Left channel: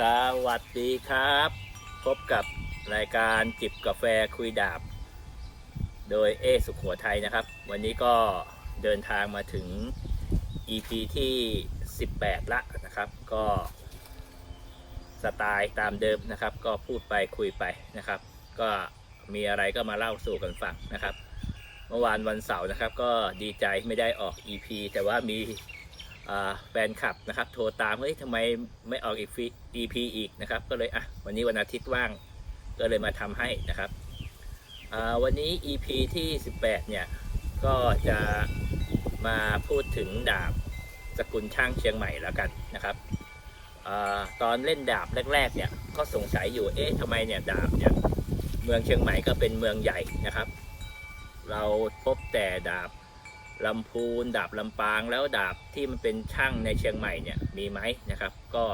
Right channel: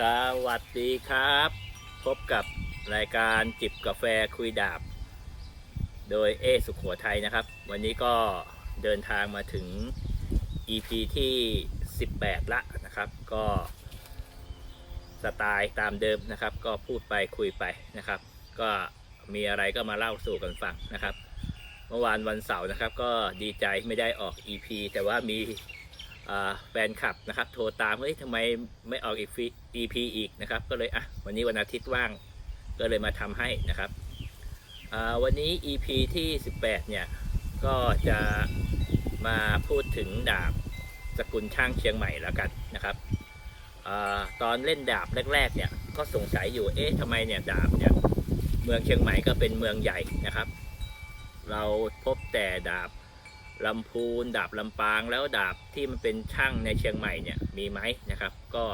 สวัสดีครับ พบกับรายการจิบกาแฟคุยดาบ โดยเอสุขหัวไทยนะครับ วันนี้ก็เดินทางมาถึง EP ที่ 18 ละนะครับ ก็สไตล์ตามเดิมนะครับ ก็พูดไปคุยไปนะครับ ก็มีอะไรก็มาเล่าสู่กันฟังนะครับ เมื่อวานวันเสาร์นะครับ ก็ดีใจไม่ได้ออก EP แต่ว่ามี แฟนคลับนะครับ โทรตามเฮ้ยทำไมไม่ออกอีกฟี EP อีกนะครับ ก็เลยอะวันนี้วันอาทิตย์ว่างก็เลยมาทำให้นะครับวันนี้ EP ที่ 18 เนี่ย ก็จะมาพูดถึงดาบสกุลช่างเชียงใหม่แล้วกันนะครับอตอนเล่นดาบแรกๆเนี่ยก็สงสัยอยู่เอ๊ะทำไมเนี่ยดาบเนี่ยเมืองเชียงใหม่ก็เป็นเมืองใหญ่นะครับ เราพบแต่ดาบ ลำพูนดาบลำปางแล้วดาบที่มันเป็นช่างในเชียงใหม่เนี่ยมีไหมนะครับ ก็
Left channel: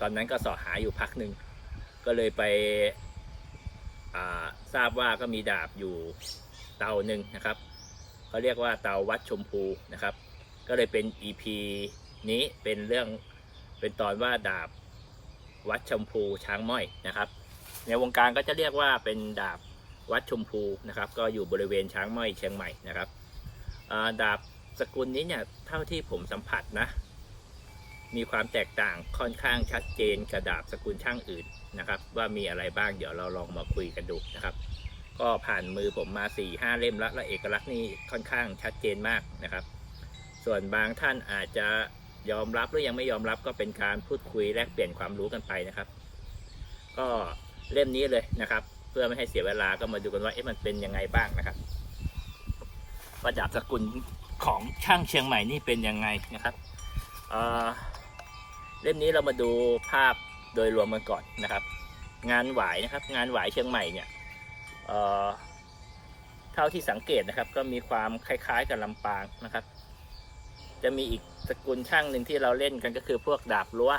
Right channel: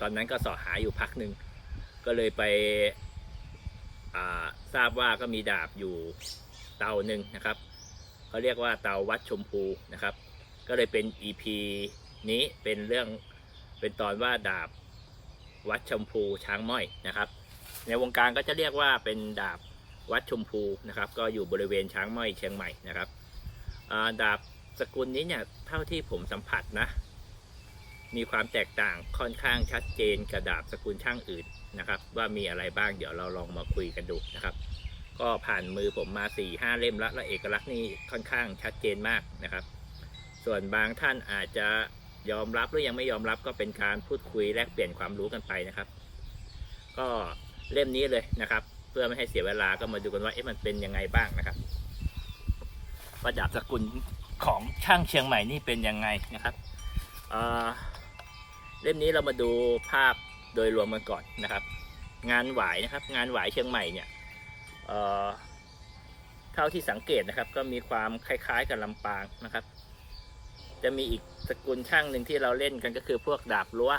ตอนนั้นก็สอหาอยู่พักหนึ่งก็เลยไปทราบว่าก็มีดาบอยู่เตาหนึ่งนะครับเขาเรียกว่าเตาวัดชมพูนะครับ ก็เลยเป็น EP นี้เป็นเรื่องเป็นตอนว่าดาบวัดชมพูช้างม้อยนะครับ ในวงการก็จะเรียกว่าเป็นดาบวัดชมพูนะครับ ก็อยู่บริเวณช้างม้อยเชียงใหม่นะครับ ดาบสกุลนี้เนี่ยเท่าที่ผมสัมผัสนะ มีความแตกต่างค่อนข้างชัดเจนกับดาบสกุลช่างอื่นนะครับ ว่ามีอะไรบ้างเดี๋ยวเราลองมาคุยกันดูนะครับ ก็ผ่านมือผมมา4ี่ห้าเล่มแล้วและเอกลักษณ์นี่ค่อนข้างชัดเจนมากนะครับ ส่วนบางท่านอาจจะยอมรับหรือยังไม่ยอมรับก็เป็นการพูดคุยแลกเปลี่ยนความรู้กันไปนะครับ ก็เล่มนี้เลยนะครับ เพื่อไม่ให้เสียเวลาก็มาดูกันว่าเอ๊ะมันเป็นยังไงบ้างนะครับ ว่าดาบสกุลของช่างเชียงใหม่นี่เป็นยังไงนะครับเเล่มนี้เรามาดูภาพโดยรวมกันก่อนนะครับ งานหวายนะครับ งานหวายเชียงใหม่เนี่ยเท่าที่สังเกตนะครับ ก็มีความคล้ายๆกับลำปางนะครับ จะมีอีกสกุลช่างหนึ่งที่เราเล่นกันก็คือพวกดาบรั้ว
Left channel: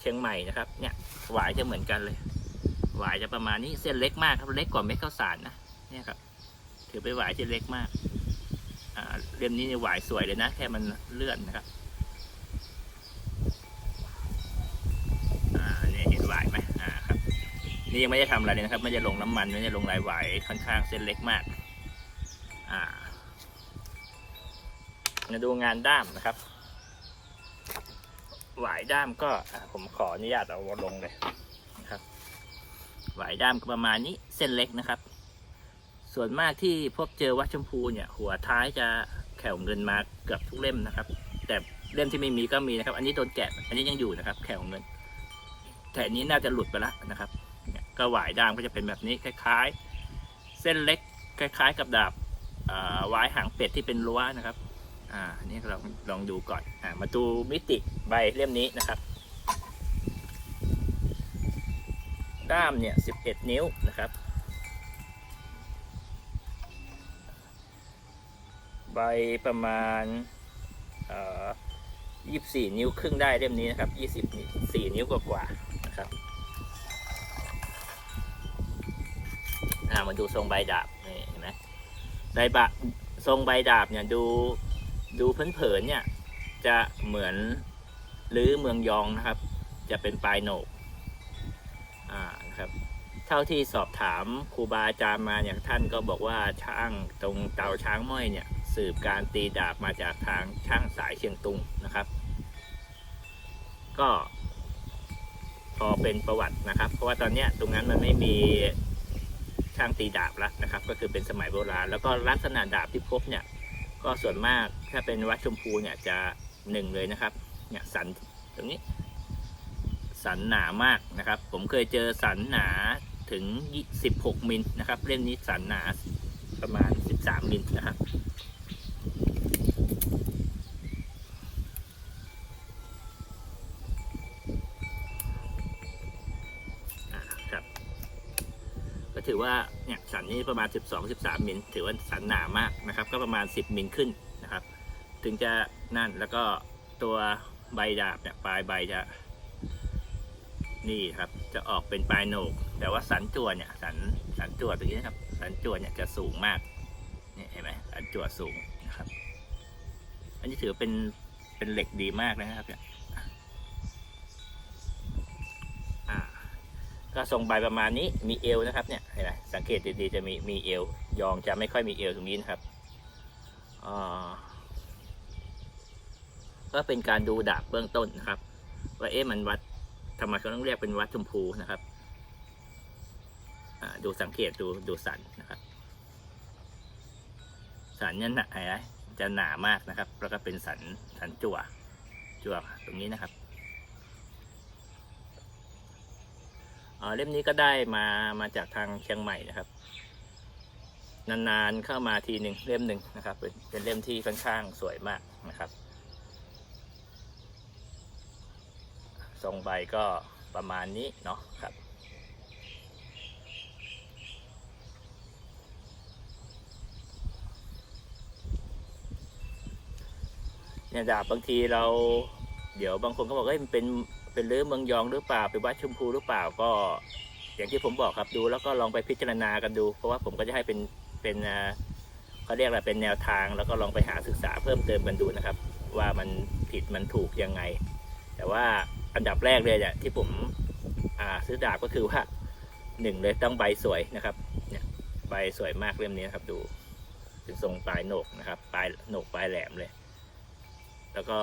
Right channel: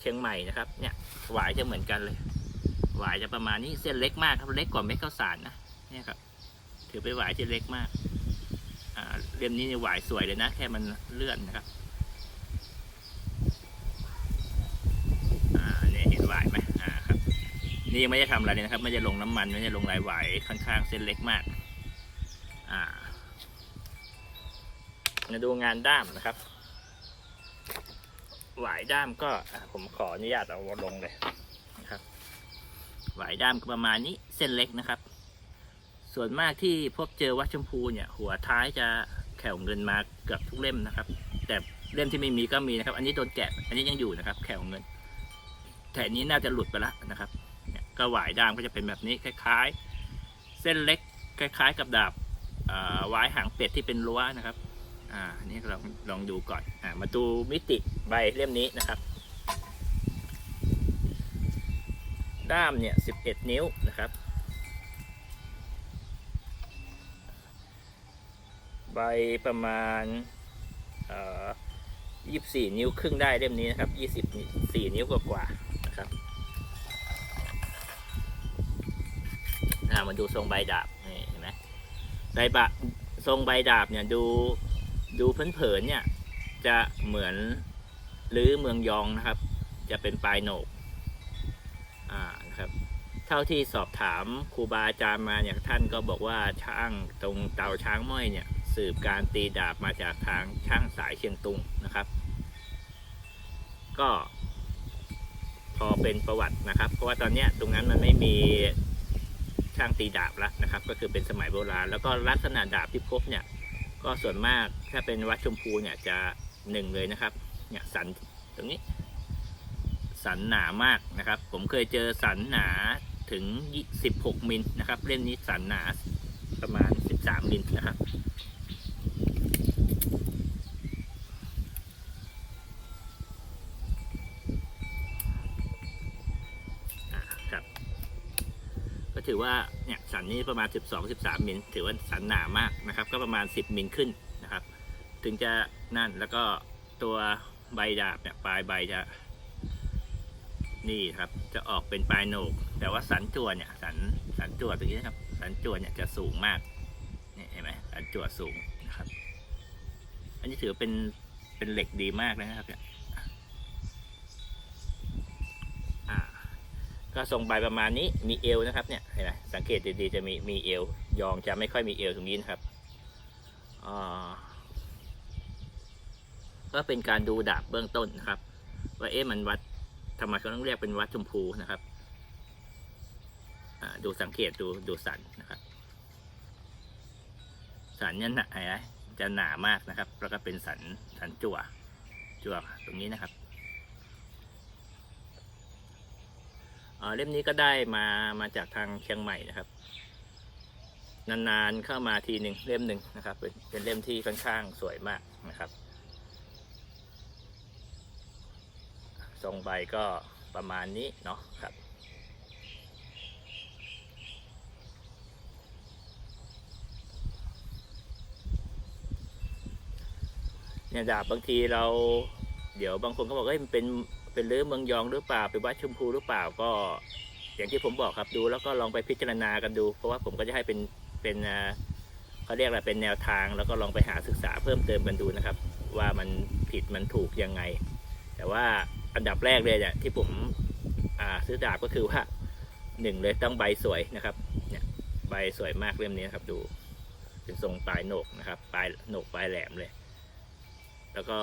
เชียงใหม่นะครับ เนี่ยหวายจะเหมือนกันเลย หวายจะประมาณนี้เส้นเล็กมากครับเล็กกว่าเม็ดข้าวสารนะเนี่ยครับถือเป็นหวายที่เล็กมาก เล่มนี้นี่หวายสวยเลยนะ แค่มันเลื่อนนะครับนี่เห็นหวายไหมอ่าครับ นี่ยังไม่ได้ทำอะไรเลยนะครับ ไม่ได้ลงน้ำมัน ไม่ได้ลงลายหวายค่อนข้างเส้นเล็กมาก อ่ามาดูงานด้ามนะครับ หวายด้ามก็ผมขออนุญาตเอาลงเลยนะครับ หวายด้ามก็ประมาณนี้เส้นเล็กนะครับ ส่วนมากที่พบเจอวัดชมพูเนี่ย หัวท้ายจะแขวเงินมาเกือบทุกเล่มนะครับ แต่เล่มที่ไม่มีก็มีนะครับ อันนี้โดนแกะ อันนี้ยังอยู่นะครับ แขวเงินแต่นนี้น่าจะหลุดไปแล้วนะครับเนี่ยก็หวายดามก็จะเป็นแบบนี้คล้าย ๆ เส้นเล็กคล้าย ๆ กับดาบอ่าหวายหางเป็ดที่เป็นรั้วนะครับ อ่านนี่เราลองดูก่อนอ่ามาดูมิติใบเล่มนี้นะครับ ด้ามเนี่ย 11 นิ้วนะครับ ใบประมาณเอ่อยี่สี่นิ้วครึ่งได้เล่มนี้นะครับยี่สิบสี่นิ้วกว่าๆนะครับามาดูทรงใบดาบนี่เห็นไหมใบบะทรงใบดาบเนี่ยดูดูเผินๆเนี่ยจะเหมือนหรือเมืองยองนะครับ จะเป็นปลายโหนกอ่านะครับเท่าที่สอบถามครูบาอาจารย์มาอย่างท่านก็บอกว่าช่างตรงเตาช้างม้อยเนี่ย สืบการตีดาบมาจากทางช่างสายเชียงตุงนะครับ ก็ พอเป็นประวัตินะครับ เพราะว่าตอนนี้ตรงนั้นมันไม่มีช่างตีดาบแล้วนะครับ ก็คือเป็นสมัยโบราณ แล้วก็ลักษณะดาบที่พบเนี่ย ก็ส่วนมากถ้าเป็นวัดชมพูเนี่ยจะหนึ่งเลยนะครับ เนี่ยสันตรงนี้ สันหนามากนะครับ ผมเคยเจอสันหนาถึง 16 มิลนะครับ เล่มนี้สันหนาประมาณ 13 มิลนะครับ ว่าเนี่ยสันนี้ประมาณ 12 13มิลถือว่าสันหนามากนะครับ ก็ประมาณ 10มิลขึ้นนะครับ ถึงจะนั่นแล้วก็ตัวใบดาบเนี่ยปลายใบจะนี่ครับจะออกเป็นปลายโหนก แต่ว่าสันจั่วเนี่ยสันสันจั่วตรงนี้นะครับ สันจั่วเนี่ยจะสูงมากนี่เห็นไหมสันจั่วสูงนะครับ อันนี้ถือเป็นเป็นเหล็กดีมากนะครับเนี่ยอ่า ก็ทรงใบประมาณนี้มีเอวนะครับเนี่ยเห็นไหมสังเกตดีๆจะมีมีเอวยองจะไม่ค่อยมีเอวตรงนี้นะครับก็เป็นการดูดาบเบื้องต้นนะครับว่าเอ๊ะมันวัดทำไมเขาติต้องเรียกเป็นวัดชมพูนะครับดูสังเกตดูดูสันนะครับสันเนี่ยหนาเห็นไหมจะหนามากนะครับ แล้วก็เป็นสันสันจั่วจั่วตรงนี้นะครับอ่า เล่มนี้ก็ได้มามาจากทางเชียงใหม่นะครับ นานๆเข้ามาทีหนึ่งเล่มหนึ่งนะครับ เป็นเป็นเล่มที่ค่อนข้างสวยมากนะครับทรงใบก็ประมาณนี้เนาะครับเนี่ยดาบบางทีเรา เดี๋ยวบางคนก็บอกว่ามันเป็น เป็นเรือเมืองยองหรือเปล่าเป็นวัดชมพูหรือเปล่าก็อย่างที่ผมบอกครับดูแล้วก็ลองไปพิจารณากันดู เพราะว่าผมก็จะให้เป็นเป็นเขาเรียกอะไรเป็นแนวทาง แล้วก็ลองไปหาศึกษาเพิ่มเติมกันดูนะครับ ว่ามันผิดมันถูกยังไง แต่ว่าอันดับแรกเลยเนี่ยที่ผมซื้อดาบก็คือว่าหนึ่งเลยต้องใบสวยนะครับเนี่ยใบสวยมากเล่มนี้นครับดูเป็นทรงปลายโหนกนะครับปลายโหนกปลายแหลมเลย แล้วก็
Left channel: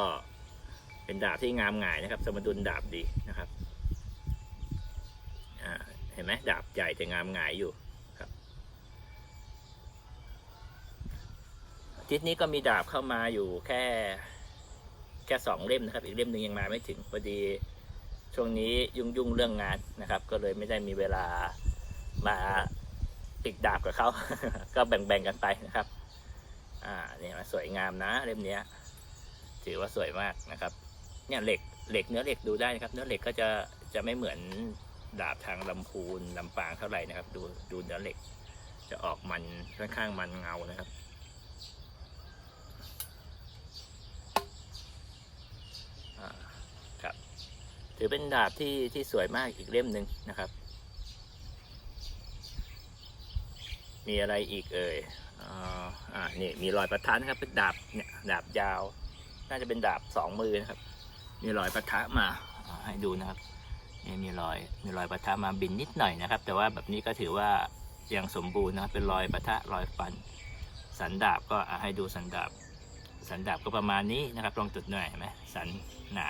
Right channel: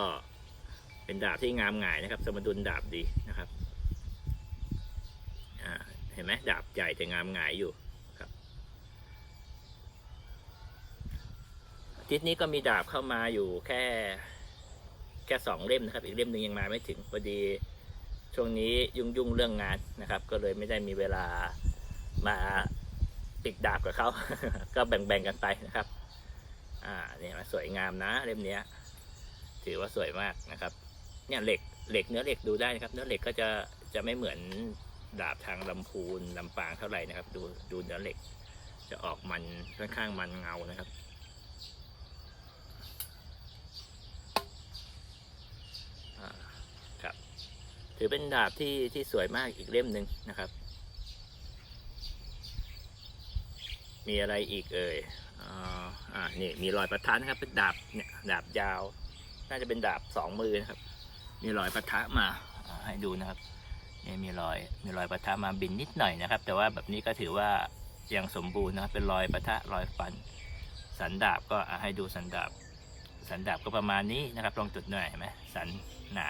เป็นดาบที่งามหงายนะครับ สมดุลดาบดีนะครับเห็นไหมดาบใหญ่แต่งามหงายอยู่ครับทิศนี้ก็มีดาบเข้ามาอยู่แค่แค่สองเล่มนะครับ อีกเล่มหนึ่งยังมาไม่ถึงพอดีช่วงนี้ยุ่งยุ่งเรื่องงานนะครับ ก็เลยไม่ได้มีเวลามาติดดาบกับเขา ก็แบ่งๆกันไปนะครับ อ่าเนี่ยสวยงามนะเล่มนี้ถือว่าสวยมากนะครับ เนี่ยเหล็กเหล็กเนื้อเหล็กดูได้นะครับ เนื้อเหล็กก็จะจะไม่เหมือนดาบทางลำพูนลำปางเท่าไหร่นะครับ ดูดูเนื้อเหล็ก จะออกมันค่อนข้างมันเงานะครับครับ ถือเป็นดาบที่ที่สวยมากอีกเล่มหนึ่งนะครับ มีอะไรอีกเอ่ยอ่าอ่านี่มีรอยประทันครับเป็นดาบเนี่ยดาบยาว น่าจะเป็นดาบสองมือนะครับ มีรอยปะทะมาให้ดูนะครับนี่มีรอยมีรอยปะทะมาบินนิดหน่อยนะครับ แต่ว่าแบบนี้ก็ถือว่ายังสมบูรณ์นะครับเป็นรอยปะทะรอยฟัน สันดาบก็ให้ดูสันดาบ สันดาบก็ประมาณนี้นะครับลองจุดหน่อยเห็นไหมสันหนา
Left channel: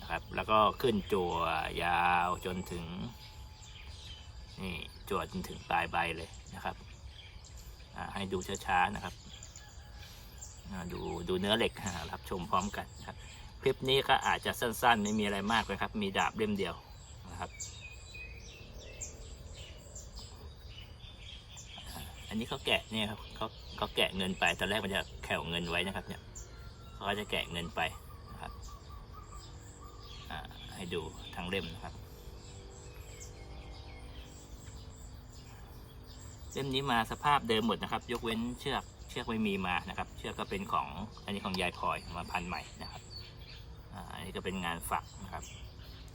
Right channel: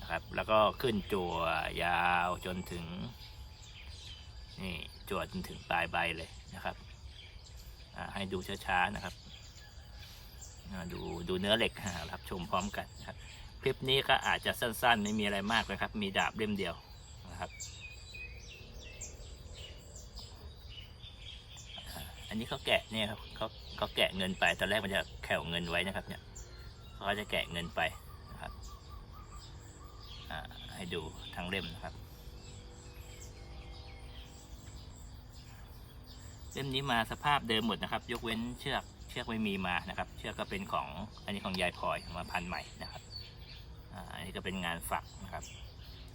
นะครับแล้วก็ขึ้นจั่วยาวจนถึงนี่จั่วจนถึงปลายใบเลยนะครับให้ดูช้าๆนะครับดูดูเนื้อเหล็กอ่ารับชมพร้อมกันนะครับ คลิปนี้ก็อาจจะสั้น ๆ ไม่มีอะไรมากนะครับ มีดาบเล่มเดียวนะครับ อันนี้เขาแกะเนี่ยครับเขาเขาแกะเงินไปตอนแรกมันจะแขวเงินไว้นะครับ เนี่ยเขาจะแกะเงินไปนะครับให้ดูทั้งเล่มนะครับเล่มนี้มาสภาพเดิมหมดนะครับ ยกเว้นเชือกเชือกไม่มีมานะครับ เชือกก็เป็นของอันนี้ของยายพลอยมาพันใหม่นะครับ นี้ก็เป็นงานฝักนะครับ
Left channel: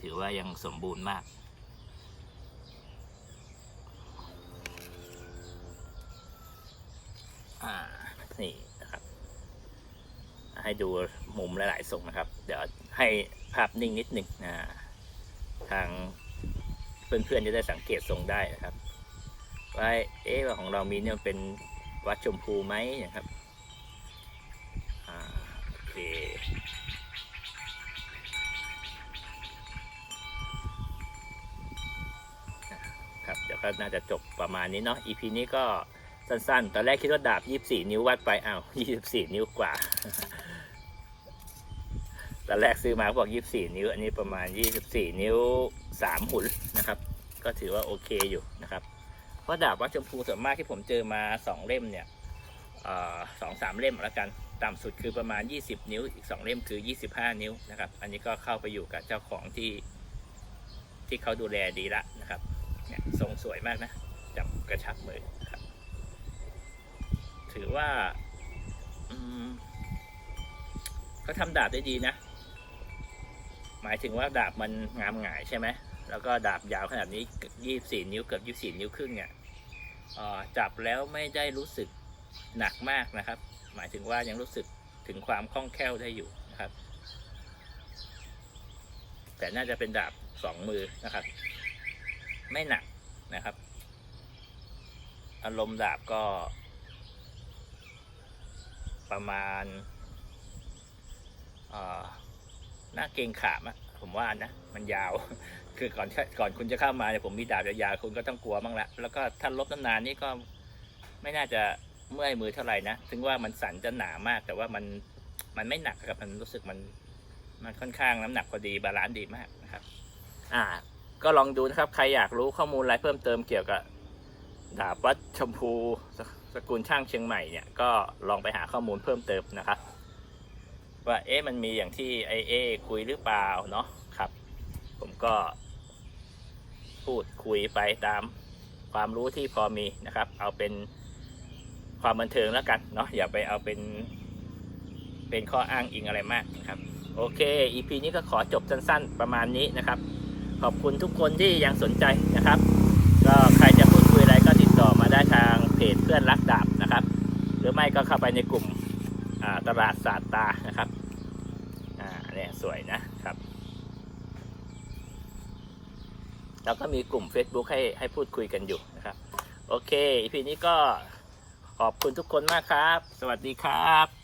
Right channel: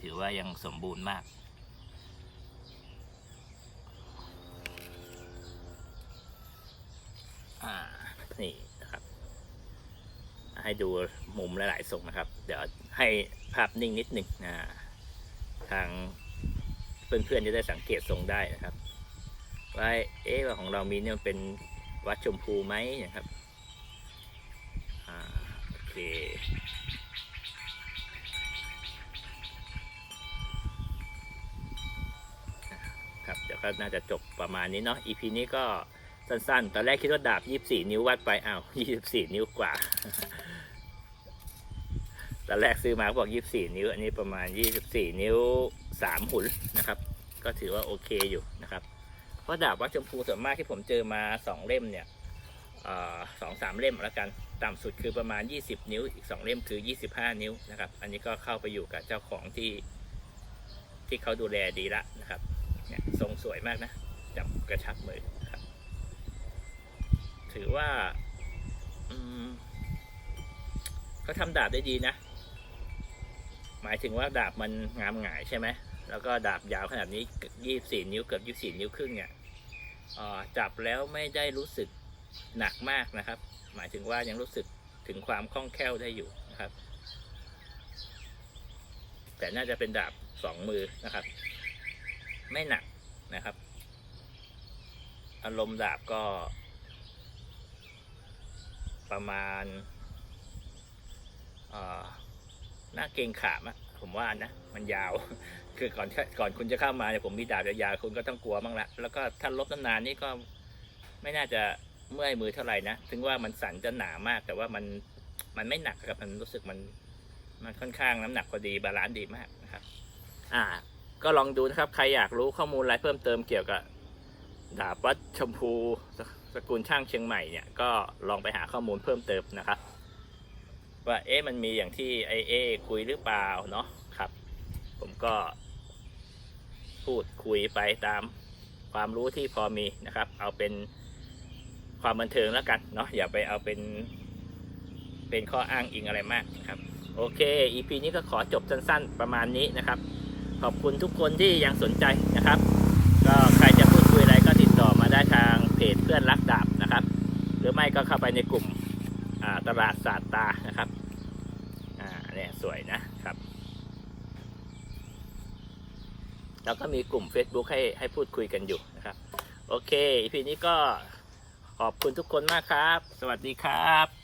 ถือว่ายังสมบูรณ์มากอ่านี่นะครับ ให้ดูมุมหลายๆทรงนะครับ เดี๋ยวให้ภาพนิ่งนิดหนึ่งนะทางเพื่อนๆจะได้สังเกตทรงได้นะครับว่าเอ๊ะของเรามีเนี่ยมันเป็นวัดชมพูไหมนะครับ ก็น่าจะจบประมาณนี้เนาะ EP นี้ก็สั้นๆ ตอนแรกคิดว่าดาบ 24 นิ้ววัดไปอ้าว24 นิ้วกว่า ตอนแรกซื้อมาบอก 24 นิ้ว อันนี้ประมาณ 24 นิ้ว 3 หุนนะครับ ก็ถือว่าโอเคอยู่นะครับ เพราะดาบวัดชมพูส่วนมากที่ผมเจอมาสองเล่มเนี่ยสองสามเล่มแล้วกัน ต่ำสุดคือประมาณ 20 นิ้ว อีกสองเล่มคือ 25 นิ้วนะครับ อันนี้ก็เข้าไปอยู่กับเจ้าของที่ที่เขาดูแลดีละนะครับ ทรงสวยมากนะ จับกระชับมือครับ ถือว่าเขาทำดาบได้ดีนะ หมายถึงว่าดาบมันงามหงายใช่ไหม แล้วก็ดาบยาวขนาดนี้24นิ้วเกือบ24นิ้วครึ่งเนี่ยจับแล้วไม่ได้รู้สึกหนักมากนะครับ หมายถึงว่ายังรู้สึกถึงความคล่องแคล่วได้อยู่นะครับ แต่น่าจะเป็นดาบสองมือนะครับ ไม่หนัก นะครับ อารมณ์ดาบก็ ประมาณหน้าเกงขามะผมว่านะ มันยาว คือก่อนก่อนคุณจะเข้ามาเนี่ยผมมีดาบยาวคุณก็ต้องกลัวบ้างละแล้วก็ถ้าลบนานๆนี่ก็ไม่น่าจะเมื่อยมือเท่าไหร่นะ ถึงว่ามันสั่นจะหนามาก แต่ว่ามันมันไม่หนักครับมันรู้สึกมัน มันค่อนข้างน้ำหนักพอดีบาลานซ์ดีมากนะครับ อ่า ก็ลองดูนะครับ ใครอยากรู้ข้อมูลอะไรเพิ่มเติมเกี่ยวกับดาบวัดชมพูสกุลช่างเชียงใหม่เนี่ยก็ลองไปหาข้อมูลเพิ่มเติมนะครับ ว่าเอ๊ะมันมีอย่างที่ไอเอคุยหรือเปล่าเนาะครับ ผมก็ พูดคุยไปตามความรู้ที่พอมีนะครับ เอาเป็นความบันเทิงแล้วกันเนาะอย่าไปเอาเป็น เป็นข้ออ้างอิงอะไรมากนะครับ โอเค EP นี้ก็ขอจบสั้นๆประมาณนี้นะครับ ขอบคุณทุกคนที่ยังสนใจนะครับ ก็ใครจะพูดคุยอะไรก็ติดต่อมาได้ทางเพจเพื่อนรักดาบนะครับ หรือไม่ก็เข้าไปในกลุ่มตลาดศาสตานะครับอ่าเนี่ยสวยนะครับแล้วก็มีกลุ่ม Facebook ให้ให้พูดคุยกันอยู่นะครับ โอเค EP นี้ก็ขอบคุณทุกคนมากครับ สวัสดีครับ